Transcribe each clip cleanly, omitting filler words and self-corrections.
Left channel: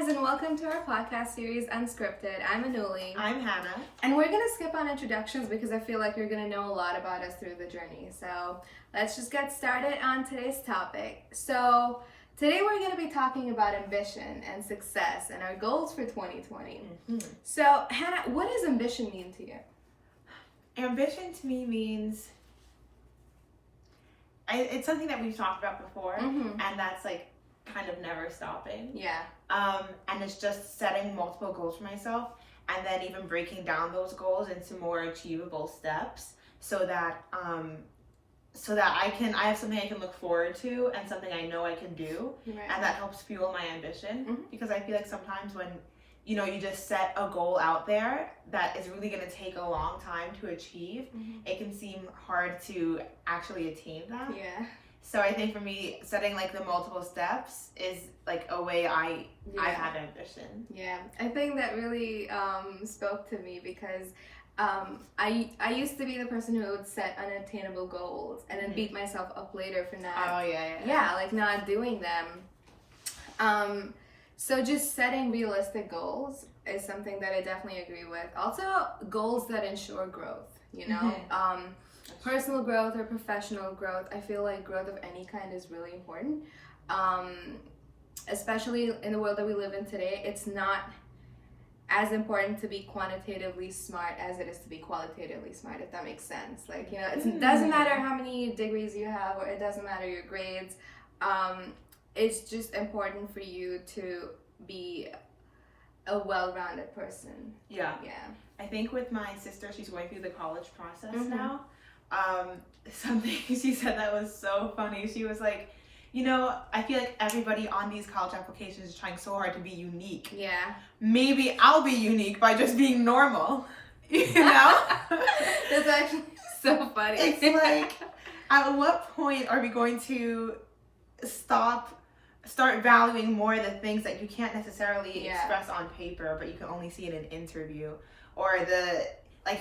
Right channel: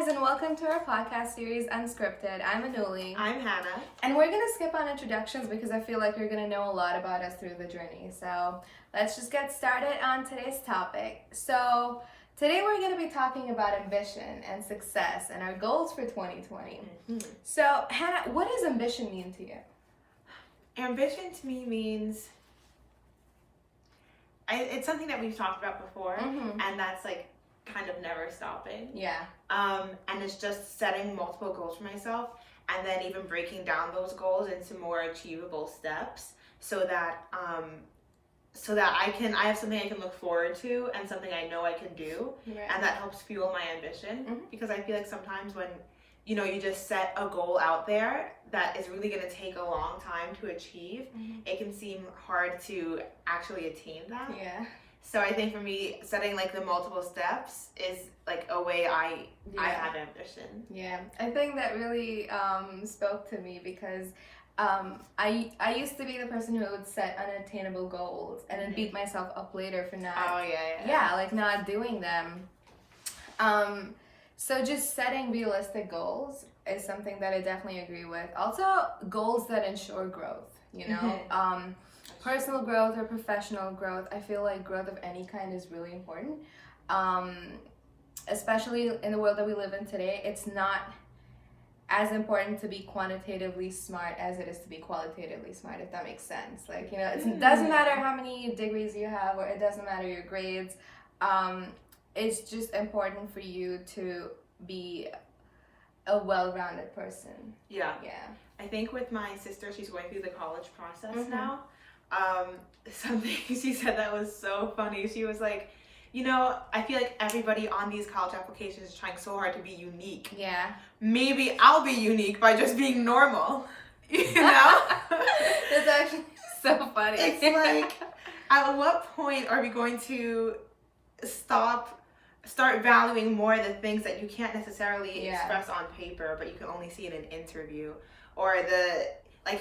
guys, and welcome to our podcast series, Unscripted. I'm Anuli. I'm Hannah. And we're going to skip on introductions because I feel like you're going to know a lot about us through the journey. So let's just get started on today's topic. So today we're going to be talking about ambition and success and our goals for 2020. Mm-hmm. So Hannah, what does ambition mean to you? Ambition to me means, it's something that we've talked about before, and that's like kind of never stopping. Yeah. And it's just setting multiple goals for myself and then even breaking down those goals into more achievable steps so that I have something I can look forward to and something I know I can do. Right. And that helps fuel my ambition, because I feel like sometimes when you just set a goal out there that is really going to take a long time to achieve, it can seem hard to actually attain that. Yeah. So I think for me, setting like the multiple steps is like a way I have ambition. Yeah, I think that really spoke to me because I used to be the person who would set unattainable goals and then beat myself up later for not. Oh yeah. Yeah, like not doing them. So just setting realistic goals is something that I definitely agree with. Also, goals that ensure growth. Personal growth or professional growth. I feel like growth of any kind is really important. Especially in the world that we live in today, it's not as important to be quantitatively smart as it is to be qualitatively smart, if that makes sense. Like, it doesn't matter how many degrees you have, or it doesn't matter your grades. It's just important for you to be a well-rounded person. Yeah. I think with my sister, she's going through the college process now. Something she said that was so funny. She was like, I feel like everybody on these college applications is trying so hard to be unique. Yeah. Maybe I'll be unique by just being normal. That's actually so funny. It's like, at what point are we going to start valuing more the things that you can't necessarily express on paper, but you can only see in an interview? Or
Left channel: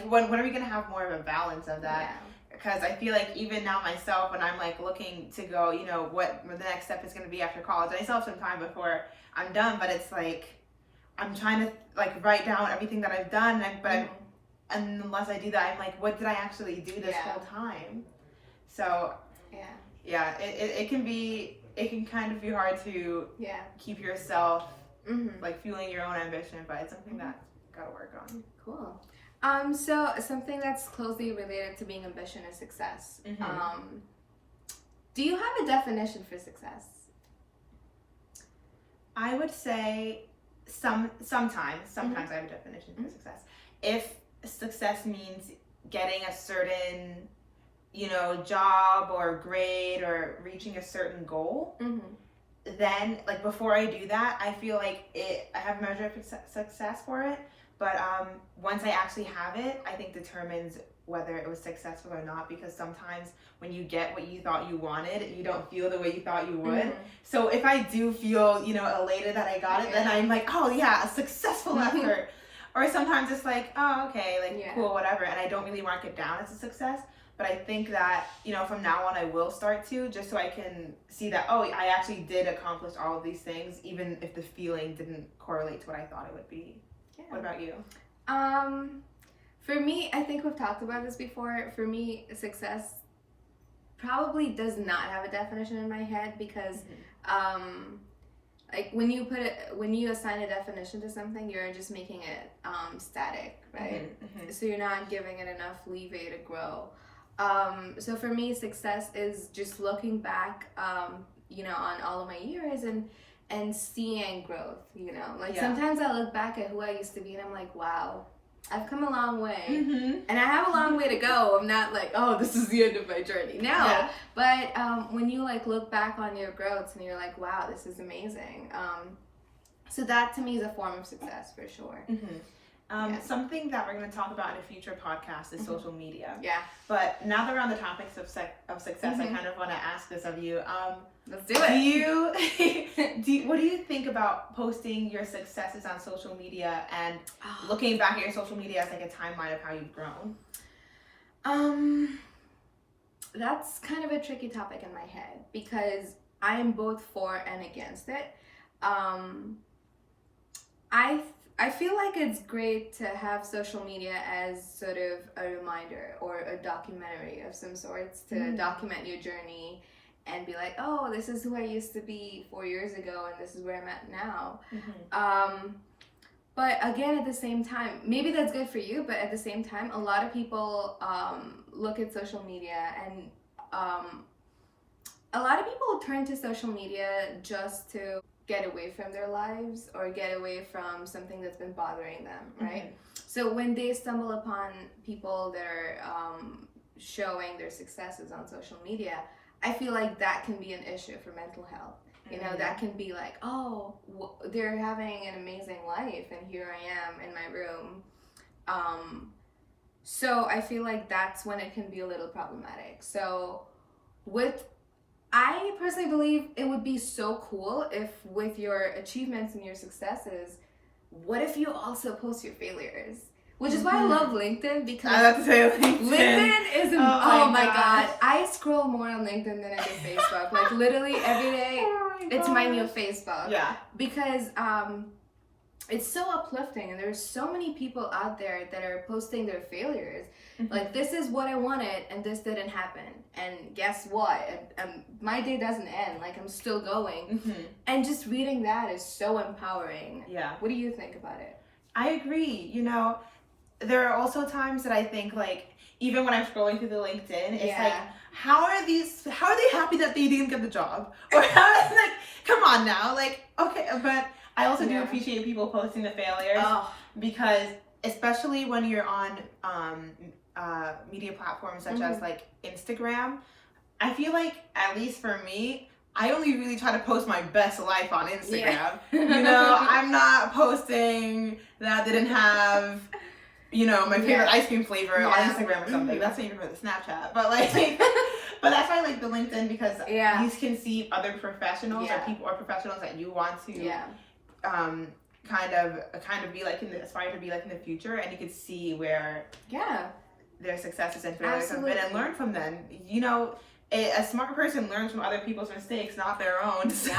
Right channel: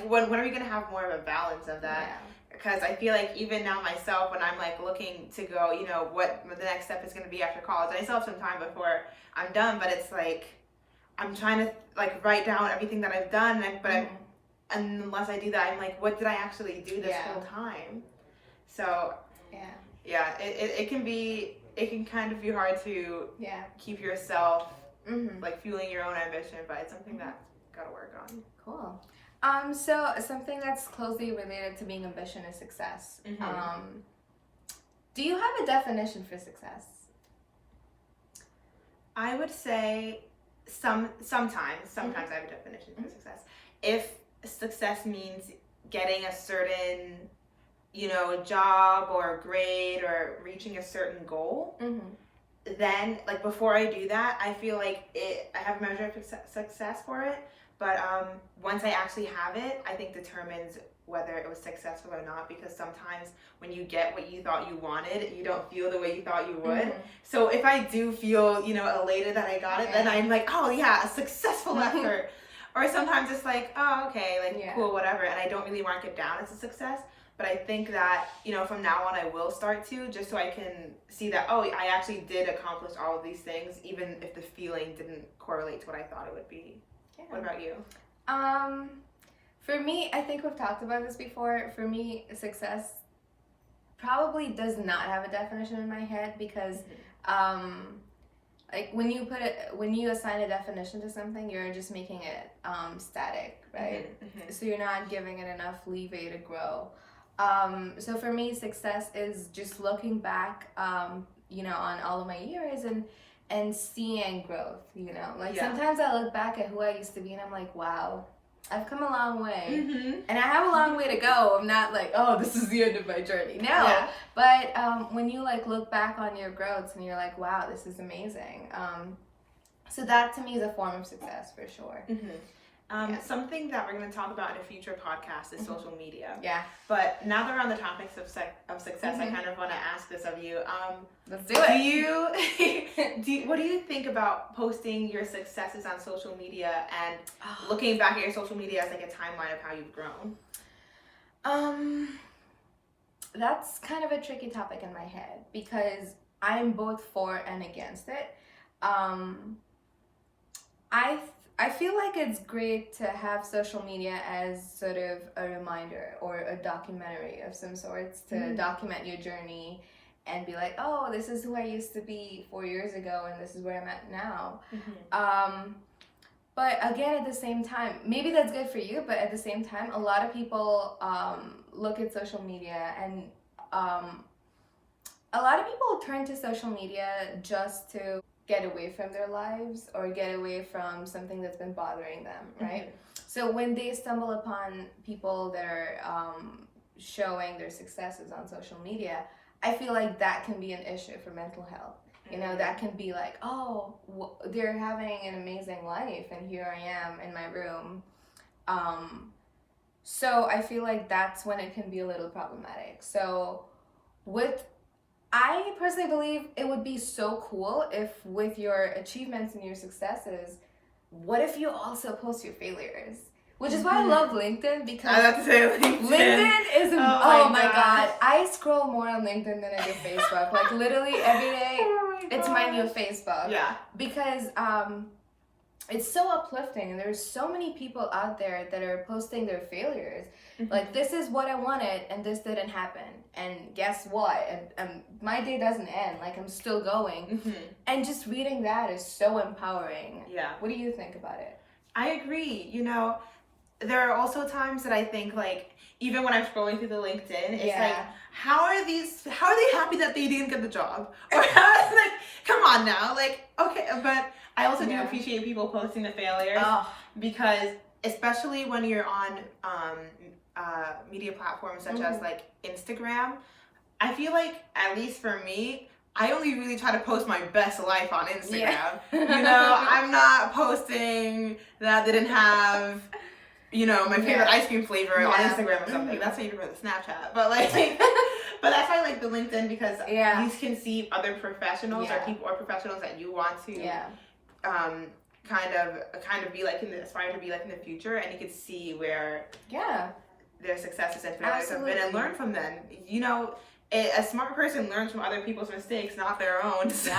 when are we going to have more of a balance of that? Yeah. Because I feel like even now myself, when I'm like looking to go, what the next step is going to be after college, and I still have some time before I'm done, but it's like I'm trying to like write down everything that I've done, and unless I do that, I'm like, what did I actually do this whole time? So it can kind of be hard to keep yourself like fueling your own ambition, but it's something that gotta work on. Cool. So something that's closely related to being ambition is success. Do you have a definition for success? I would say sometimes I have a definition for success. If success means getting a certain, job or grade or reaching a certain goal, then like before I do that, I feel like I have a measure of success for it. But once I actually have it, I think determines whether it was successful or not, because sometimes when you get what you thought you wanted, you don't feel the way you thought you would. So if I do feel, elated that I got it, then I'm like, oh yeah, a successful effort. Or sometimes it's like, oh, okay, like cool, whatever. And I don't really mark it down as a success. But I think that, from now on I will start to, just so I can see that, oh, I actually did accomplish all of these things, even if the feeling didn't correlate to what I thought it would be. What about you? For me, I think we've talked about this before. For me, success probably does not have a definition in my head, because like when you assign a definition to something, you're just making it static, right? So you're not giving it enough leeway to grow. So for me, success is just looking back on all of my years and seeing growth, sometimes I look back at who I used to be and I'm like, wow, I've come a long way. And I have a long way to go. I'm not like, oh, this is the end of my journey. No. But when you like look back on your growth and you're like, wow, this is amazing. So that to me is a form of success for sure. Something that we're going to talk about in a future podcast is social media. Yeah. But now that we're on the topics of success, I kind of want to ask this of you. Let's do it. What do you think about posting your successes on social media and looking back at your social media as like a timeline of how you've grown? That's kind of a tricky topic in my head because I'm both for and against it. I feel like it's great to have social media as sort of a reminder or a documentary of some sorts to document your journey and be like, oh, this is who I used to be 4 years ago and this is where I'm at now. But again, at the same time, maybe that's good for you, but at the same time, a lot of people look at social media and a lot of people turn to social media just to get away from their lives or get away from something that's been bothering them, right? So when they stumble upon people that are showing their successes on social media, I feel like that can be an issue for mental health. You know, that can be like, oh, they're having an amazing life and here I am in my room. So I feel like that's when it can be a little problematic. So I personally believe it would be so cool if with your achievements and your successes, what if you also post your failures? Which is why I love LinkedIn, because I have to say LinkedIn is oh my god. I scroll more on LinkedIn than I do Facebook. Like literally every day, it's my new Facebook. Yeah. Because it's so uplifting, and there's so many people out there that are posting their failures. Like, this is what I wanted and this didn't happen, and guess what, and my day doesn't end, like I'm still going. And just reading that is so empowering. Yeah. What do you think about it? I agree. You know, there are also times that I think, like, even when I'm scrolling through the LinkedIn, it's like, how are they happy that they didn't get the job? Or how is, like, come on now, like, okay. But I also do appreciate people posting the failures, because especially when you're on media platforms such as like Instagram, I feel like, at least for me, I only really try to post my best life on Instagram. You know, I'm not posting that didn't have, you know, my favorite ice cream flavor on Instagram or something. That's not even for the Snapchat. But like, but that's why I like the LinkedIn, because you can see other professionals or people or professionals that you want to kind of be like aspire to be like in the future, and you can see where their successes and failures have been and learn from them. You know, a smart person learns from other people's mistakes, not their own. So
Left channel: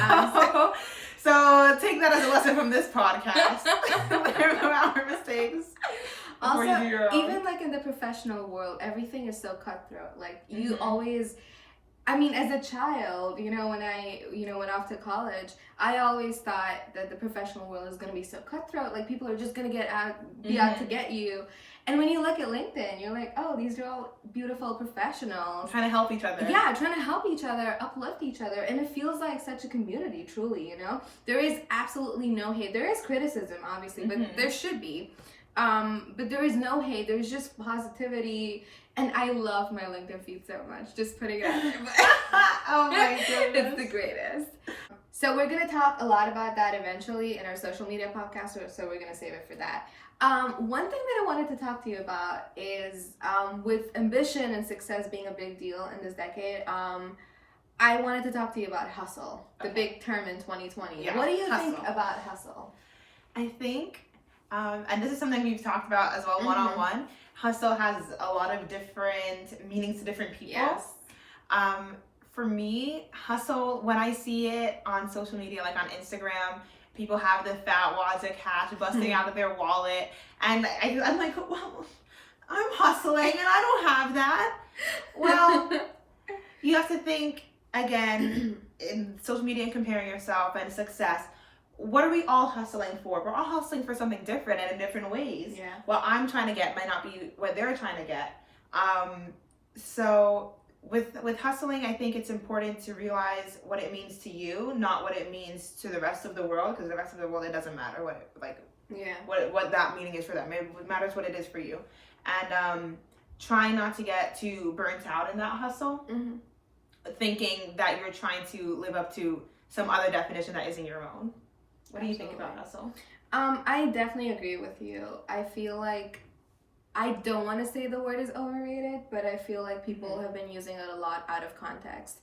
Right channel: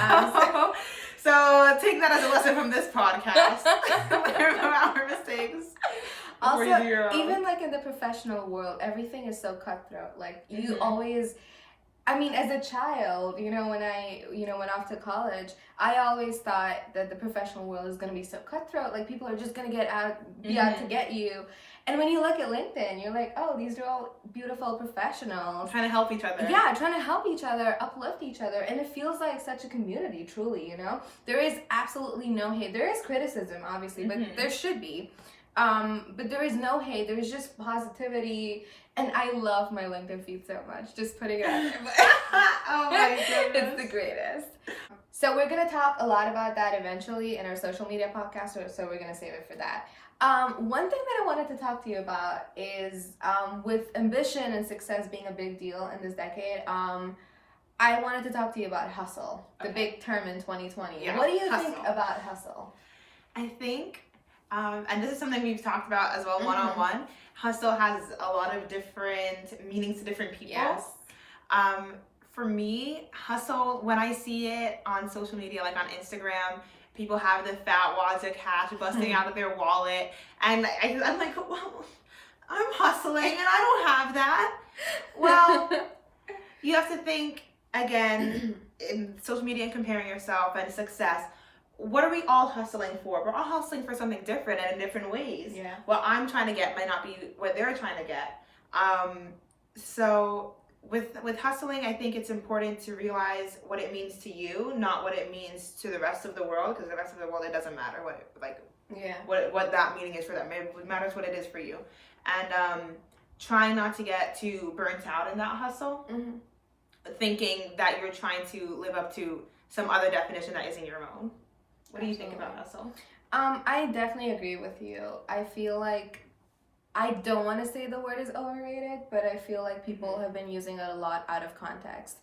take that as a lesson from this podcast. Learn from our mistakes. Also, even like in the professional world, everything is so cutthroat. Like you always, I mean, as a child, you know, when I, went off to college, I always thought that the professional world is going to be so cutthroat. Like people are just going to be out to get you. And when you look at LinkedIn, you're like, oh, these are all beautiful professionals. Trying to help each other. Yeah, trying to help each other, uplift each other. And it feels like such a community, truly, you know? There is absolutely no hate. There is criticism, obviously, but there should be. But there is no hate. There's just positivity. And I love my LinkedIn feed so much. Just putting it out there. Oh my goodness. It's the greatest. So we're going to talk a lot about that eventually in our social media podcast, so we're going to save it for that. One thing that I wanted to talk to you about is with ambition and success being a big deal in this decade, I wanted to talk to you about hustle, the big term in 2020. Yeah, what do you think about hustle? I think, and this is something we've talked about as well one-on-one, hustle has a lot of different meanings to different people. Yes. For me, hustle, when I see it on social media, like on Instagram, people have the fat wads of cash busting out of their wallet, and I'm like, well, I'm hustling and I don't have that. Well, you have to think, again, in social media and comparing yourself and success, what are we all hustling for? We're all hustling for something different and in different ways. Yeah. What I'm trying to get might not be what they're trying to get. So with hustling, I think it's important to realize what it means to you, not what it means to the rest of the world, because the rest of the world, it doesn't matter what that meaning is for them. It matters what it is for you. And trying not to get too burnt out in that hustle, thinking that you're trying to live up to some other definition that isn't your own. What do you think about hustle? I definitely agree with you. I feel like, I don't want to say the word is overrated, but I feel like people have been using it a lot out of context.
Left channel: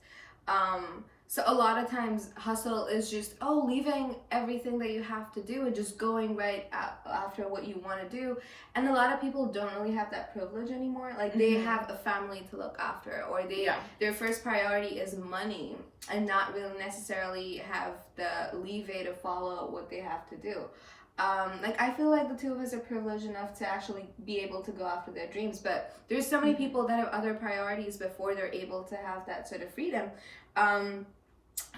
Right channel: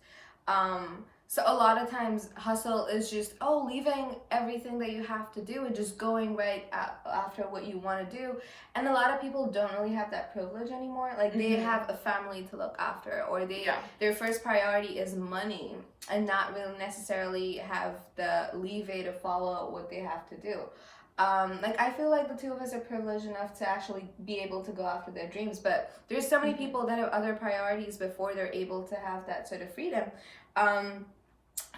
So a lot of times hustle is just, leaving everything that you have to do and just going right after what you want to do. And a lot of people don't really have that privilege anymore. Like they have a family to look after, or their first priority is money and not really necessarily have the leeway to follow what they have to do. Like, I feel like the two of us are privileged enough to actually be able to go after their dreams, but there's so many people that have other priorities before they're able to have that sort of freedom.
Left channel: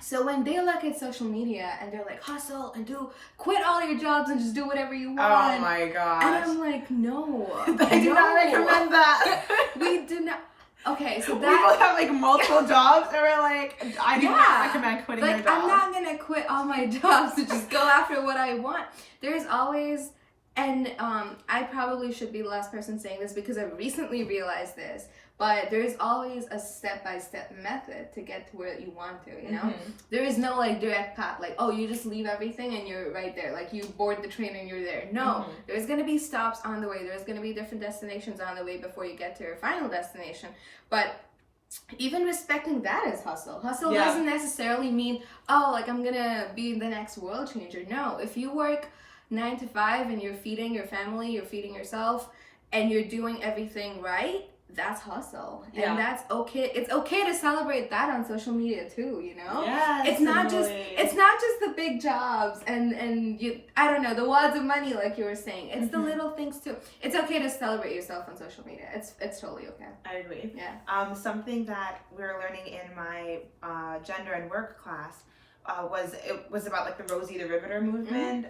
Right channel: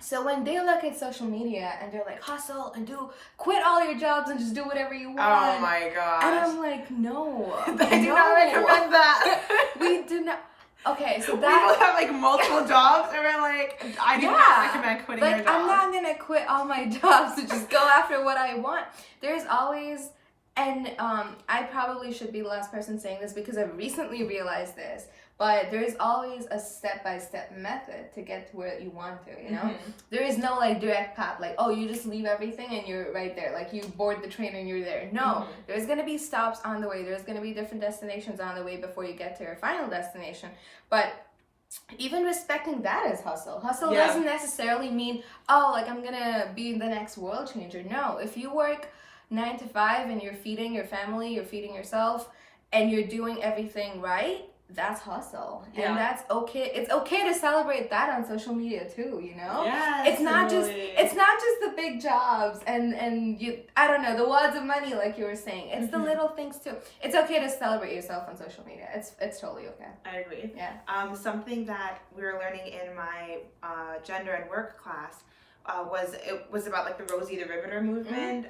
So when they look at social media and they're like, hustle and quit all your jobs and just do whatever you want. Oh my gosh. And I'm like, no. I do not recommend that. We do not. Okay, so people have like multiple jobs and we're like, I do not recommend quitting your job. I'm not gonna quit all my jobs to just go after what I want. There's always, and I probably should be the last person saying this because I recently realized this, but there's always a step-by-step method to get to where you want to, you know? There is no like direct path, like, oh, you just leave everything and you're right there. Like you board the train and you're there. No, there's gonna be stops on the way. There's gonna be different destinations on the way before you get to your final destination. But even respecting that is hustle. Hustle doesn't necessarily mean, oh, like I'm gonna be the next world changer. No, if you work 9 to 5 and you're feeding your family, you're feeding yourself, and you're doing everything right, that's hustle. And that's okay. It's okay to celebrate that on social media too, you know? Yes, it's not just the big jobs and you, I don't know, the wads of money like you were saying. It's the little things too. It's okay to celebrate yourself on social media. It's totally okay. I agree. Yeah. Something that we were learning in my gender and work class was about like the Rosie the Riveter movement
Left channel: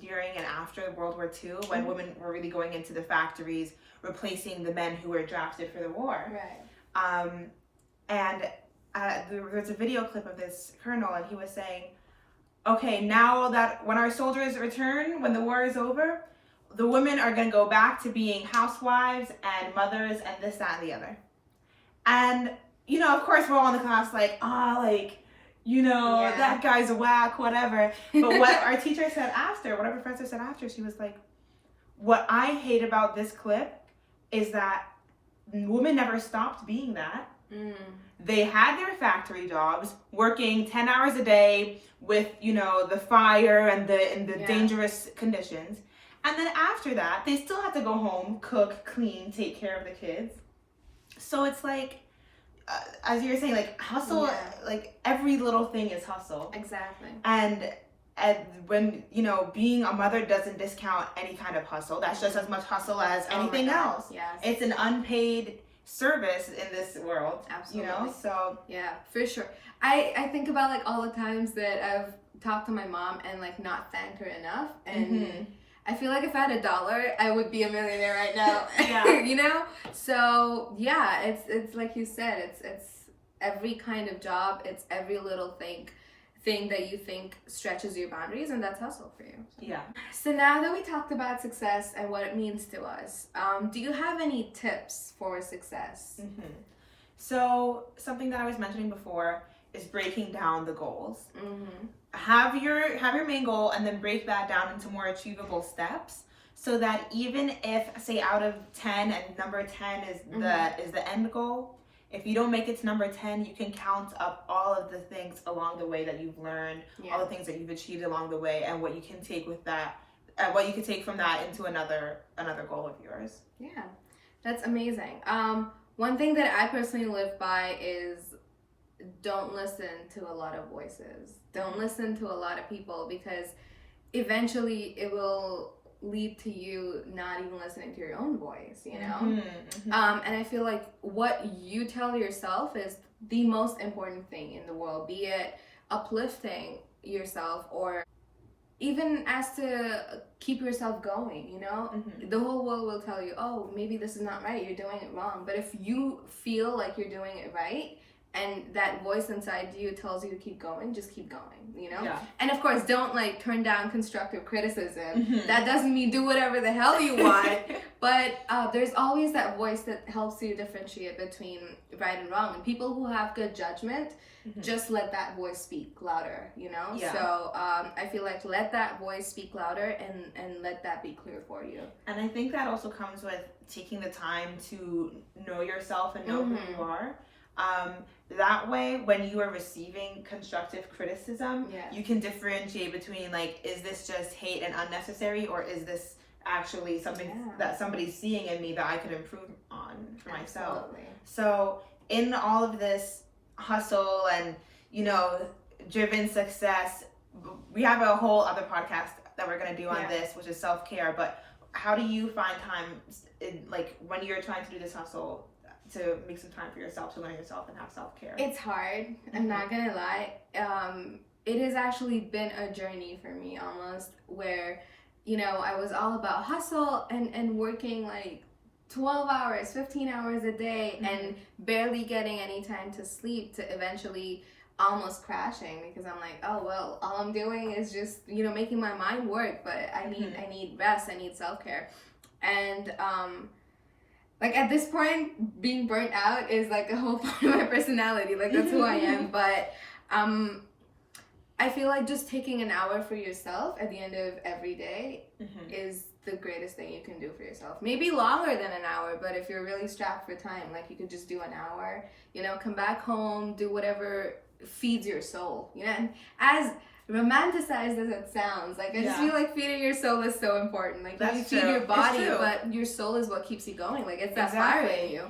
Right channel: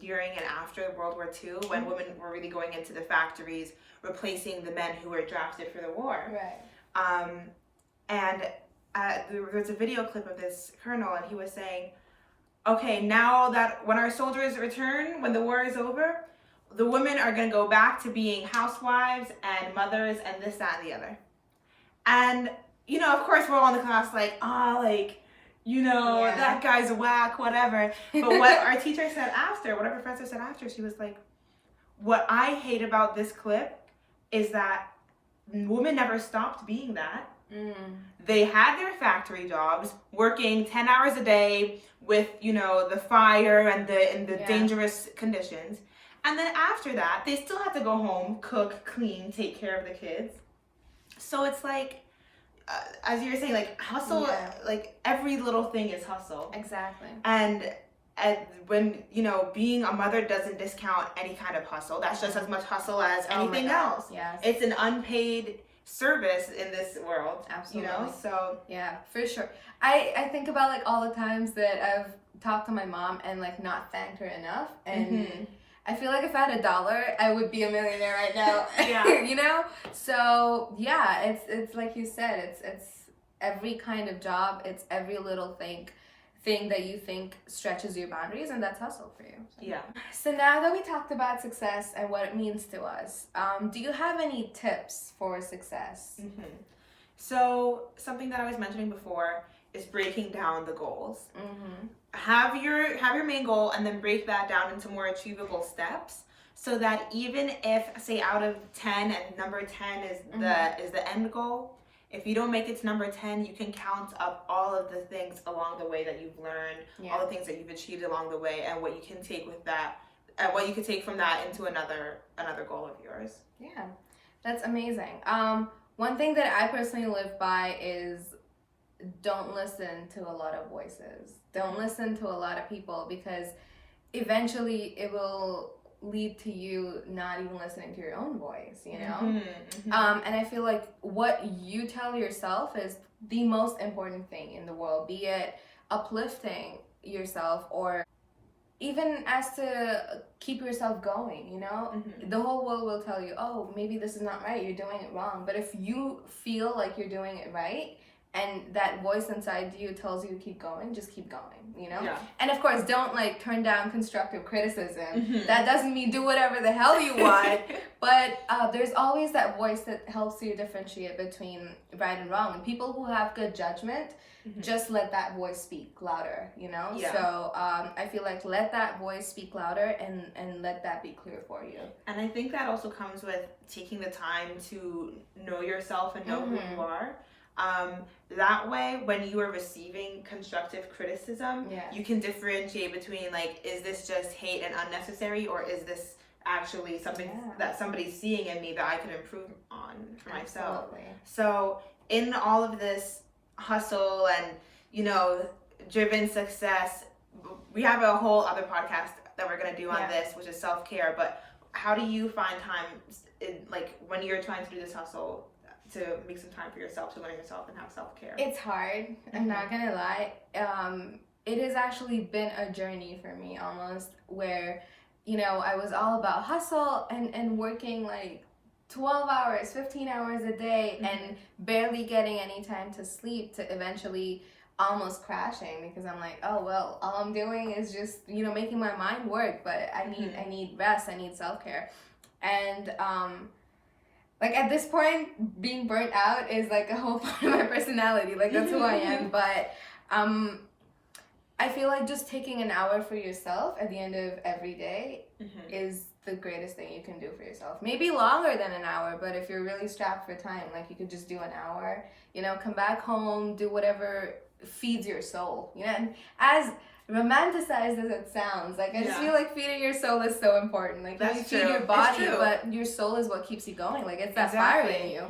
during and after World War II, when women were really going into the factories, replacing the men who were drafted for the war. Right. And there's a video clip of this colonel, and he was saying, okay, now that when our soldiers return, when the war is over, the women are going to go back to being housewives and mothers and this, that, and the other. And, you know, of course, we're all in the class like, that guy's a whack, whatever. But what our teacher said after, what our professor said after, she was like, what I hate about this clip is that women never stopped being that. They had their factory jobs, working 10 hours a day with, the fire and the dangerous conditions. And then after that, they still had to go home, cook, clean, take care of the kids. So it's like, as you were saying, like hustle, like every little thing is hustle. Exactly. And when, being a mother doesn't discount any kind of hustle. That's just as much hustle as anything else. Yes. It's an unpaid service in this world. Absolutely. So. Yeah, for sure. I think about like all the times that I've talked to my mom and like not thanked her enough. And I feel like if I had $1, I would be a millionaire right now. So yeah, it's like you said, it's every kind of job, it's every little thing that you think stretches your boundaries, and that's hustle for you. So now that we talked about success and what it means to us, do you have any tips for success? So something that I was mentioning before is breaking down the goals. Have your main goal and then break that down into more achievable steps, so that even if, say, out of 10 and number 10 is the end goal, if you don't make it to number 10, you can count up all of the things along the way that you've learned, all the things that you've achieved along the way, and what you can take with that, what you can take from that into another goal of yours. Yeah, that's amazing. One thing that I personally live by is don't listen to a lot of voices. Don't listen to a lot of people, because eventually it will lead to you not even listening to your own voice, you know? And I feel like what you tell yourself is the most important thing in the world, be it uplifting yourself or even as to keep yourself going, you know? The whole world will tell you, oh, maybe this is not right, you're doing it wrong. But if you feel like you're doing it right, and that voice inside you tells you to keep going, just keep going, you know? And of course, don't like turn down constructive criticism. That doesn't mean do whatever the hell you want, but there's always that voice that helps you differentiate between right and wrong. And people who have good judgment, just let that voice speak louder, you know? So I feel like let that voice speak louder and let that be clear for you. And I think that also comes with taking the time to know yourself and know who you are. That way, when you are receiving constructive criticism, you can differentiate between, like, is this just hate and unnecessary, or is this actually something that somebody's seeing in me that I could improve on for myself? So in all of this hustle and, driven success, we have a whole other podcast that we're going to do on this, which is self-care. But how do you find time, like when you're trying to do this hustle, to make some time for yourself, to learn yourself and have self-care? It's hard. I'm not going to lie. It has actually been a journey for me almost, where, you know, I was all about hustle and working like 12 hours, 15 hours a day, and barely getting any time to sleep, to eventually almost crashing, because I'm like, oh well, all I'm doing is just, you know, making my mind work, but I need rest, I need self-care. And like at this point, being burnt out is like a whole part of my personality, like that's who I am. But I feel like just taking an hour for yourself at the end of every day is the greatest thing you can do for yourself. Maybe longer than an hour, but if you're really strapped for time, like you could just do an hour, you know, come back home, do whatever feeds your soul, you know. And as romanticized as it sounds, like I just feel like feeding your soul is so important. Like you feed your body, but your soul is what keeps you going. Like it's that fire in you.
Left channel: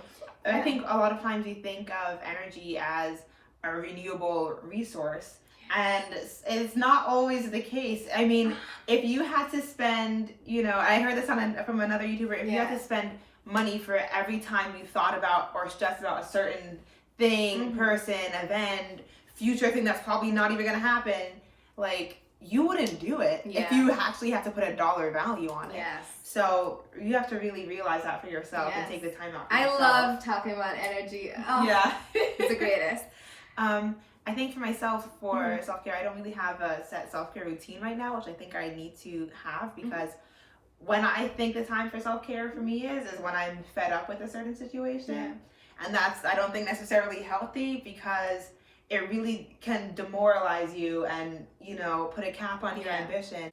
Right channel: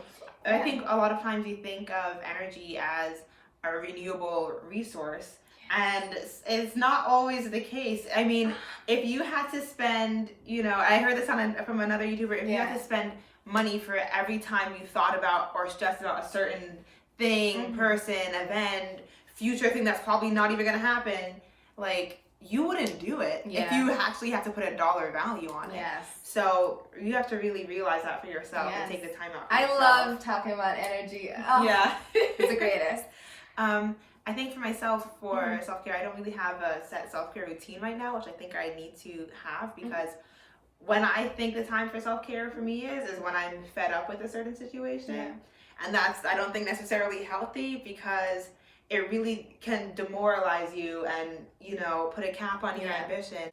I think a lot of times you think of energy as a renewable resource, and it's not always the case. I mean, if you had to spend, you know, I heard this from another YouTuber, if you had to spend money for every time you thought about or stressed about a certain thing, person, event, future thing that's probably not even going to happen, like, you wouldn't do it if you actually have to put a dollar value on it. So you have to really realize that for yourself and take the time out for yourself. I love talking about energy. Oh, it's the greatest. I think for myself, for self-care, I don't really have a set self-care routine right now, which I think I need to have, because when I think the time for self-care for me is when I'm fed up with a certain situation. And that's, I don't think necessarily healthy, because it really can demoralize you and, you know, put a cap on your ambition.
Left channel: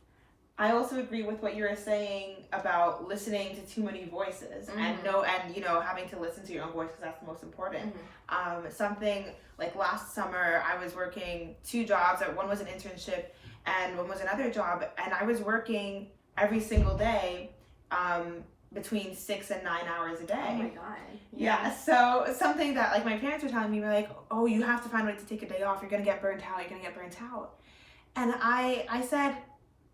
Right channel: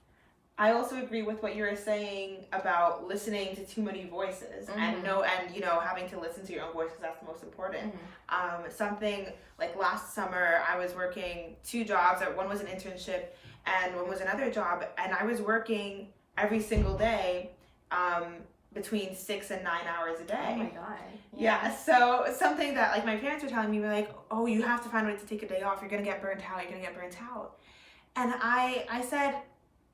I also agree with what you were saying about listening to too many voices and you know, having to listen to your own voice, because that's the most important. Something like last summer, I was working 2 jobs. One was an internship and one was another job, and I was working every single day between 6 and 9 hours a day. Oh my God. Yeah. So something that like my parents were telling me, were like, oh, you have to find a way to take a day off. You're going to get burnt out. And I said,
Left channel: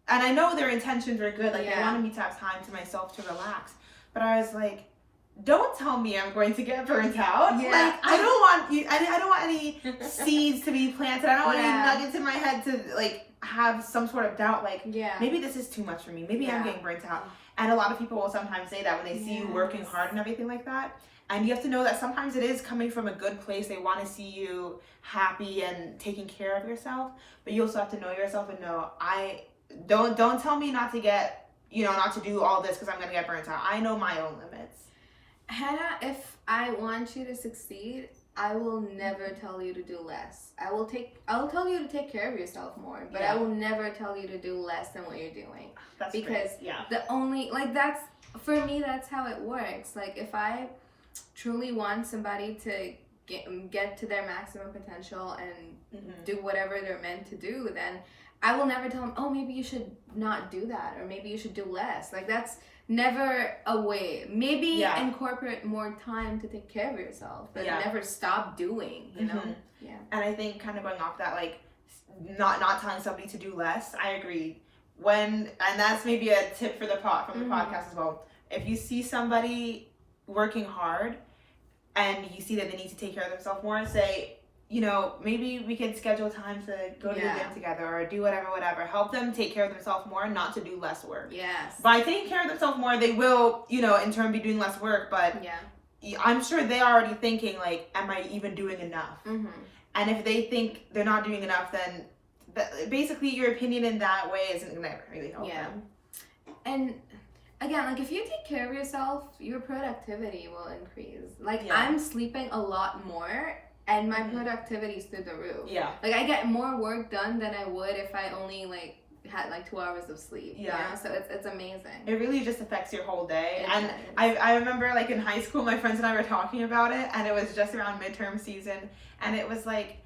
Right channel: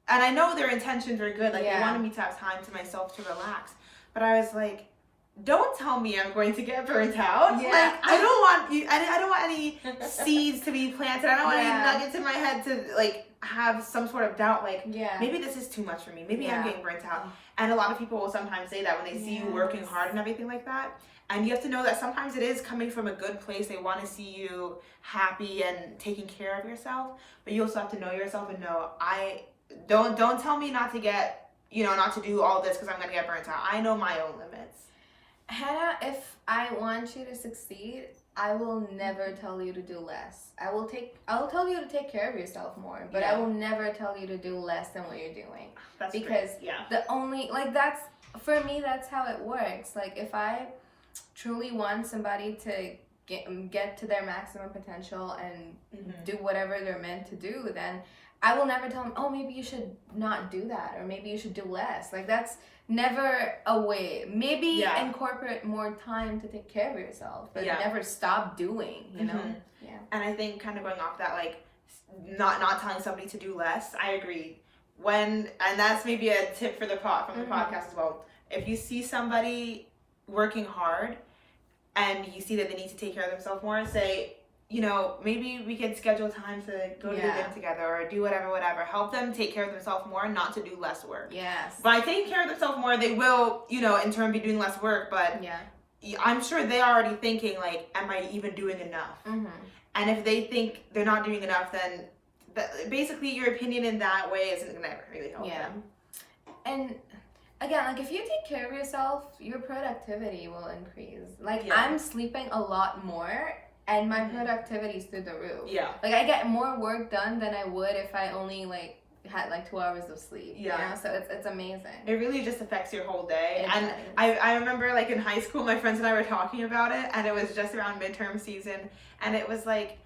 and I know their intentions were good. Like they wanted me to have time to myself to relax. But I was like, don't tell me I'm going to get burnt out. Like I don't want you. I don't want any seeds to be planted. I don't want any nuggets in my head to like have some sort of doubt. Like maybe this is too much for me. Maybe I'm getting burnt out. And a lot of people will sometimes say that when they see you working hard and everything like that. And you have to know that sometimes it is coming from a good place. They want to see you happy and taking care of yourself. But you also have to know yourself and know, don't tell me not to get, you know, not to do all this because I'm going to get burnt out. I know my own limits. Hannah, if I want you to succeed, I will never tell you to do less. I'll tell you to take care of yourself more, but I will never tell you to do less than what you're doing. That's because the only, like, that's, for me, that's how it works. Like, if I truly want somebody to get to their maximum potential and do whatever they're meant to do, then I will never tell them, oh, maybe you should not do that, or maybe you should do less. Like, that's never a way. Maybe incorporate more time to take care of yourself, but never stop doing, you know? And I think kind of going off that, like, not telling somebody to do less, I agree. And that's maybe a tip for from the podcast as well. If you see somebody working hard and you see that they need to take care of themselves more, say, you know, maybe we could schedule time to go to the gym together or do whatever. Help them take care of themselves more, not to do less work. By taking care of themselves more, they will, you know, in turn be doing less work, but I'm sure they're already thinking, like, am I even doing enough? And if they think they're not doing enough, then basically your opinion in that way isn't going to really help them. And again, like, if you take care of yourself, your productivity will increase. Like, I'm sleeping a lot more, and my productivity is through the roof. Like, I get more work done than I would if I only, like, had, like, 2 hours of sleep. You know? So it's amazing. It really just affects your whole day. And I remember, like, in high school, my friends and I were talking about it, and it was just around midterm season, and it was like,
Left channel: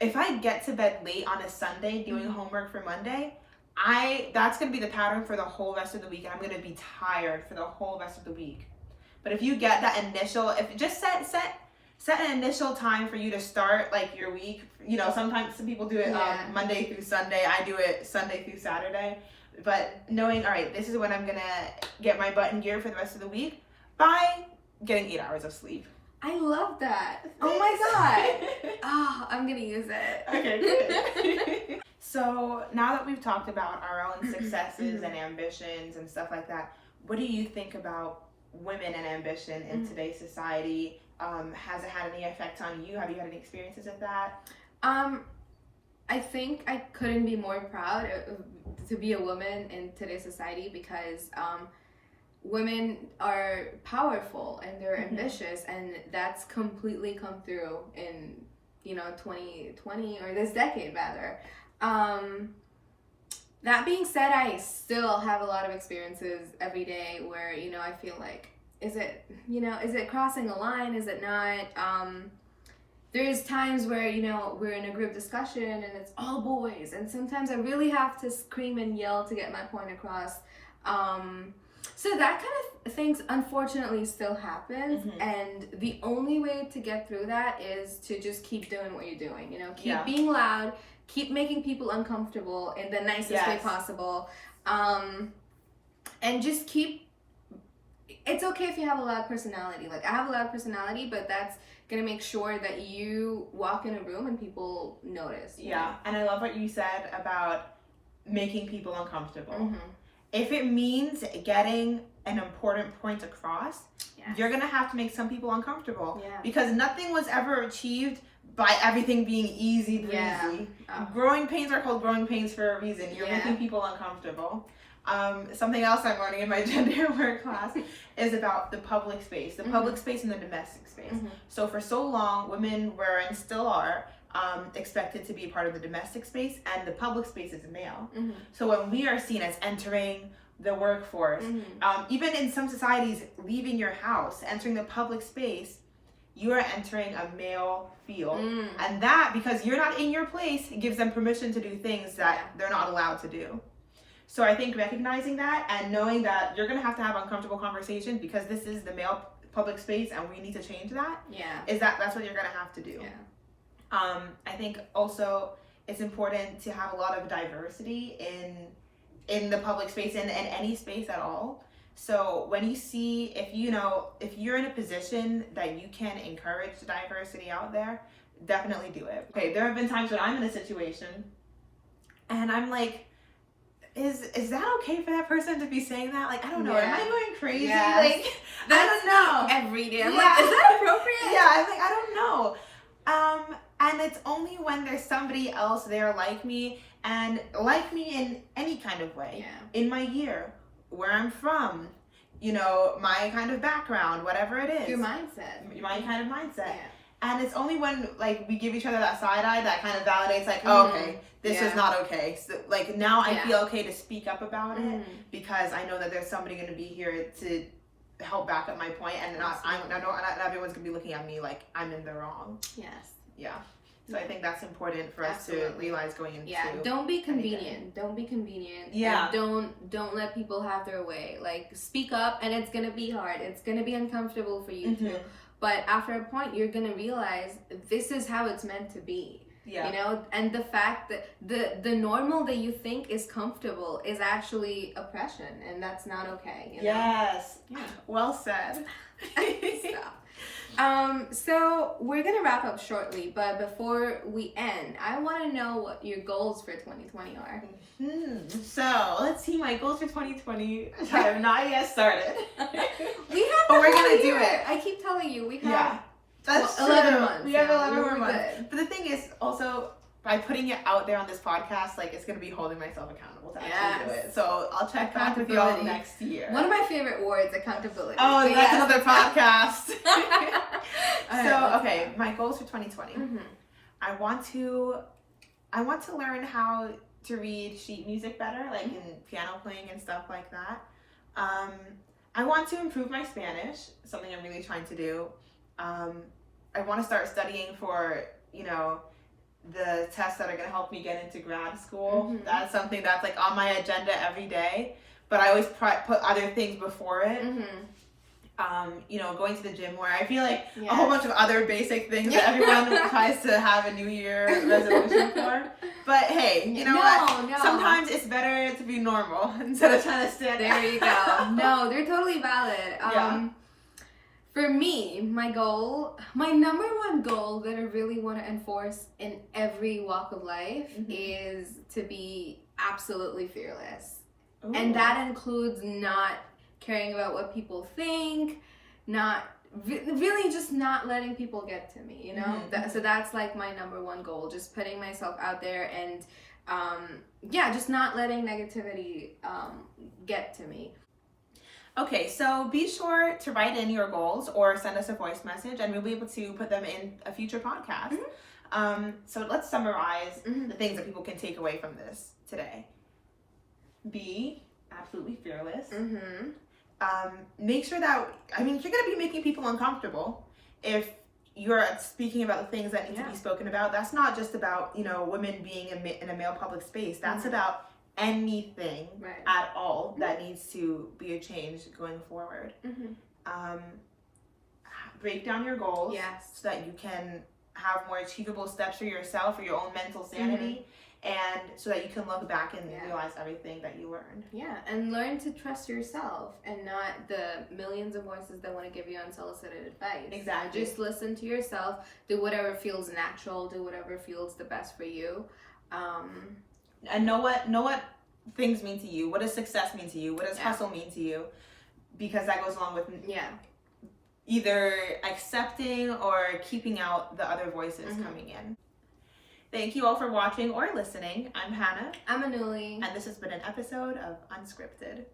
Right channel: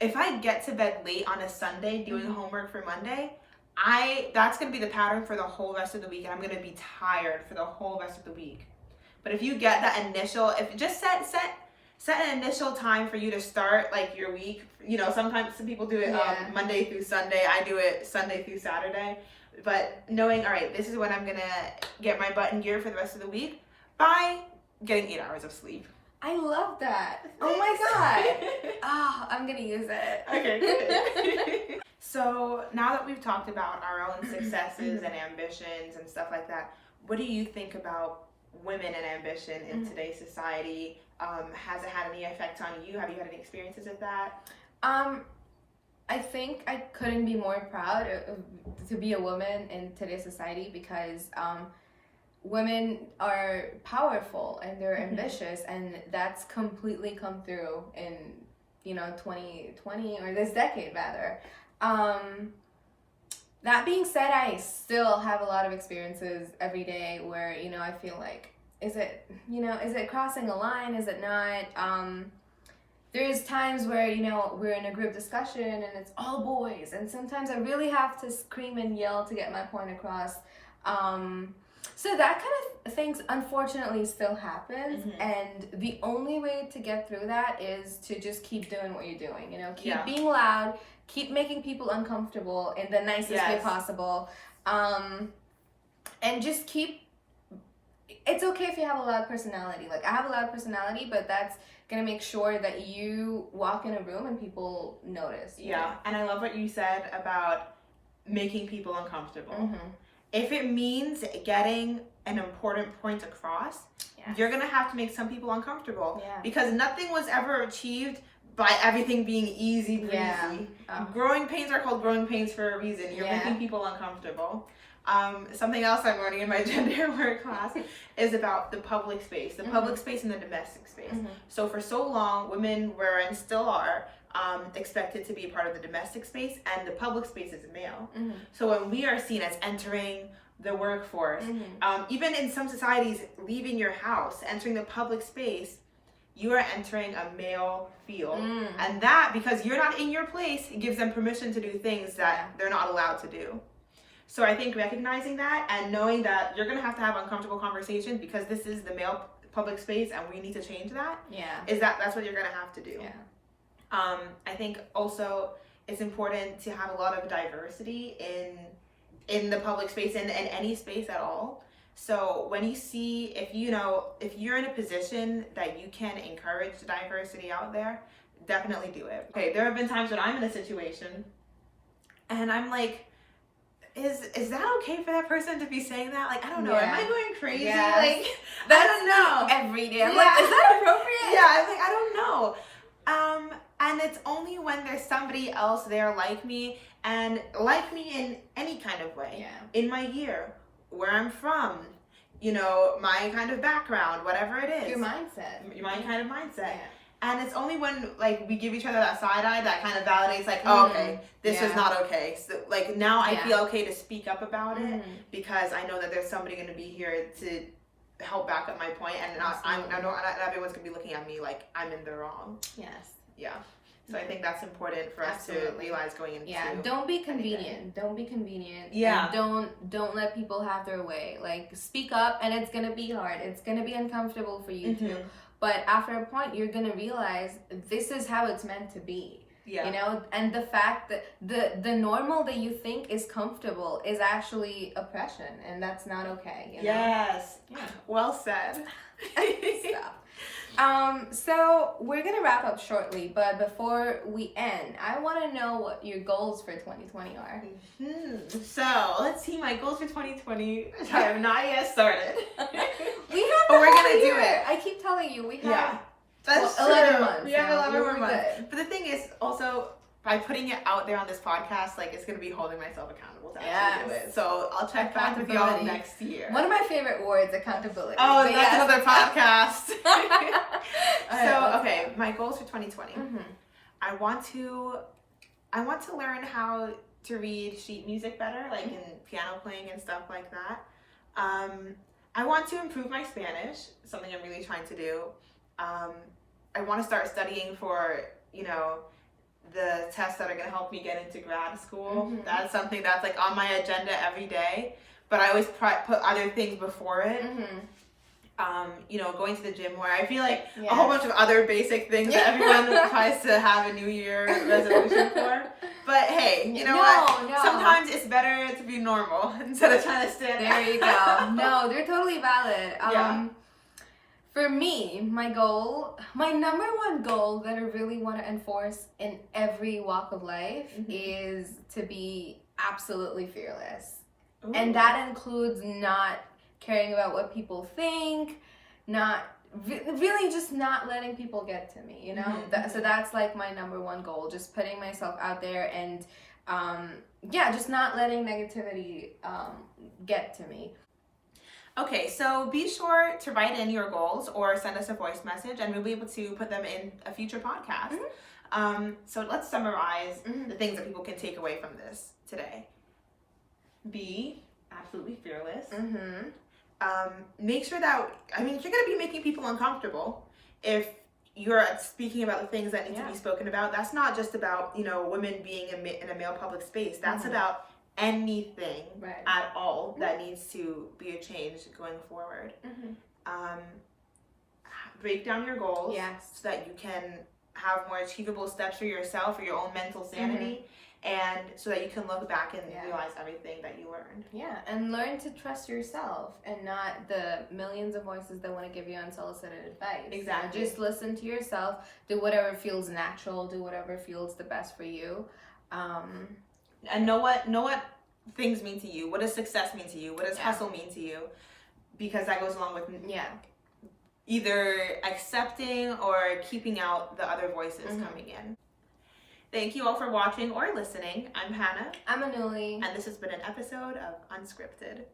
if I get to bed late on a Sunday doing homework for Monday, that's going to be the pattern for the whole rest of the week, and I'm going to be tired for the whole rest of the week. But if you get that initial, if just set an initial time for you to start, like, your week. You know, sometimes some people do it Monday through Sunday. I do it Sunday through Saturday. But knowing, all right, this is when I'm gonna get my butt in gear for the rest of the week by getting 8 hours of sleep. I love that. Oh my god. Oh, I'm gonna use it. Okay, good. So now that we've talked about our own successes and ambitions and stuff like that, what do you think about women and ambition in today's society? Has it had any effect on you? Have you had any experiences of that? I think I couldn't be more proud to be a woman in today's society, because women are powerful and they're ambitious, and that's completely come through in 2020, or this decade rather. That being said, I still have a lot of experiences every day where I feel like, is it crossing a line, is it not? There's times where, we're in a group discussion and it's all boys, and sometimes I really have to scream and yell to get my point across. So that kind of things unfortunately still happens, and the only way to get through that is to just keep doing what you're doing, keep being loud, keep making people uncomfortable in the nicest way possible, and just keep, it's okay if you have a loud personality. Like, I have a loud personality, but that's gonna make sure that you walk in a room and people notice. And I love what you said about making people uncomfortable. If it means getting an important point across, you're gonna have to make some people uncomfortable, because nothing was ever achieved by everything being easy breezy. Growing pains are called growing pains for a reason. You're making people uncomfortable. Something else I'm learning in my gender work class is about the public space, public space and the domestic space. So for so long, women were and still are expected to be a part of the domestic space, and the public space is male. So when we are seen as entering the workforce, even in some societies, leaving your house, entering the public space, you are entering a male field. And that, because you're not in your place, it gives them permission to do things that they're not allowed to do. So I think recognizing that and knowing that you're going to have uncomfortable conversations, because this is the male public space and we need to change that, that's what you're going to have to do. I think also it's important to have a lot of diversity in the public space and in any space at all. So when you see, if you're in a position that you can encourage diversity out there, definitely do it. Okay, there have been times when I'm in a situation and I'm like, is that okay for that person to be saying that? Like, I don't know. Am I going crazy? Like, I don't know. Every day. I'm like, is that appropriate? I'm like, I don't know. And it's only when there's somebody else there like me, and like me in any kind of way. In my year, where I'm from, my kind of background, whatever it is. Your mindset. My kind of mindset. And it's only when, like, we give each other that side eye that kind of validates, like, oh, okay, this is not okay. So, like, now I feel okay to speak up about it, because I know that there's somebody going to be here to help back up my point, and not everyone's going to be looking at me like I'm in the wrong. So I think that's important for us to realize going into. Don't be convenient. Don't be convenient. And don't let people have their way. Like, speak up, and it's going to be hard. It's going to be uncomfortable for you too. But after a point, you're going to realize this is how it's meant to be. And the fact that the normal that you think is comfortable is actually oppression, and that's not okay. Well said. So we're gonna wrap up shortly, but before we end, I want to know what your goals for 2020 are. So let's see, my goals for 2020. I have not yet started. But we're gonna do it. I keep telling you, we have that's 11 months. We have 11 more months. But the thing is, also, by putting it out there on this podcast, like, it's gonna be holding myself accountable to actually do it. So I'll check back with y'all next year. One of my favorite words, accountability. Oh, and that's another podcast. So, okay, my goals for 2020. I want to learn how to read sheet music better, like in piano playing and stuff like that. I want to improve my Spanish, something I'm really trying to do. I want to start studying for, the tests that are going to help me get into grad school. That's something that's, like, on my agenda every day, but I always put other things before it. going to the gym more. I feel like a whole bunch of other basic things that everyone tries to have a New Year resolution for. But hey, what? No. Sometimes it's better to be normal instead of trying to stand out. There you go. No, they're totally valid. For me, my number one goal that I really want to enforce in every walk of life is to be absolutely fearless. Ooh. And that includes not caring about what people think, really just not letting people get to me, so that's like my number one goal, just putting myself out there and just not letting negativity get to me. Okay, so be sure to write in your goals or send us a voice message and we'll be able to put them in a future podcast. So let's summarize the things that people can take away from this today. Be absolutely fearless. Make sure that, if you're going to be making people uncomfortable, if you're speaking about the things that need to be spoken about, that's not just about, women being in a male public space. That's about anything at all that needs to be a change going forward. Break down your goals so that you can have more achievable steps for yourself, for your own mental sanity, and so that you can look back and realize everything that you learned. Yeah, and learn to trust yourself and not the millions of voices that want to give you unsolicited advice. Exactly. Just listen to yourself, do whatever feels natural, do whatever feels the best for you. And know what things mean to you. What does success mean to you? What does hustle mean to you? Because that goes along with either accepting or keeping out the other voices coming in. Thank you all for watching or listening. I'm Hannah. I'm Anuli. And this has been an episode of Unscripted.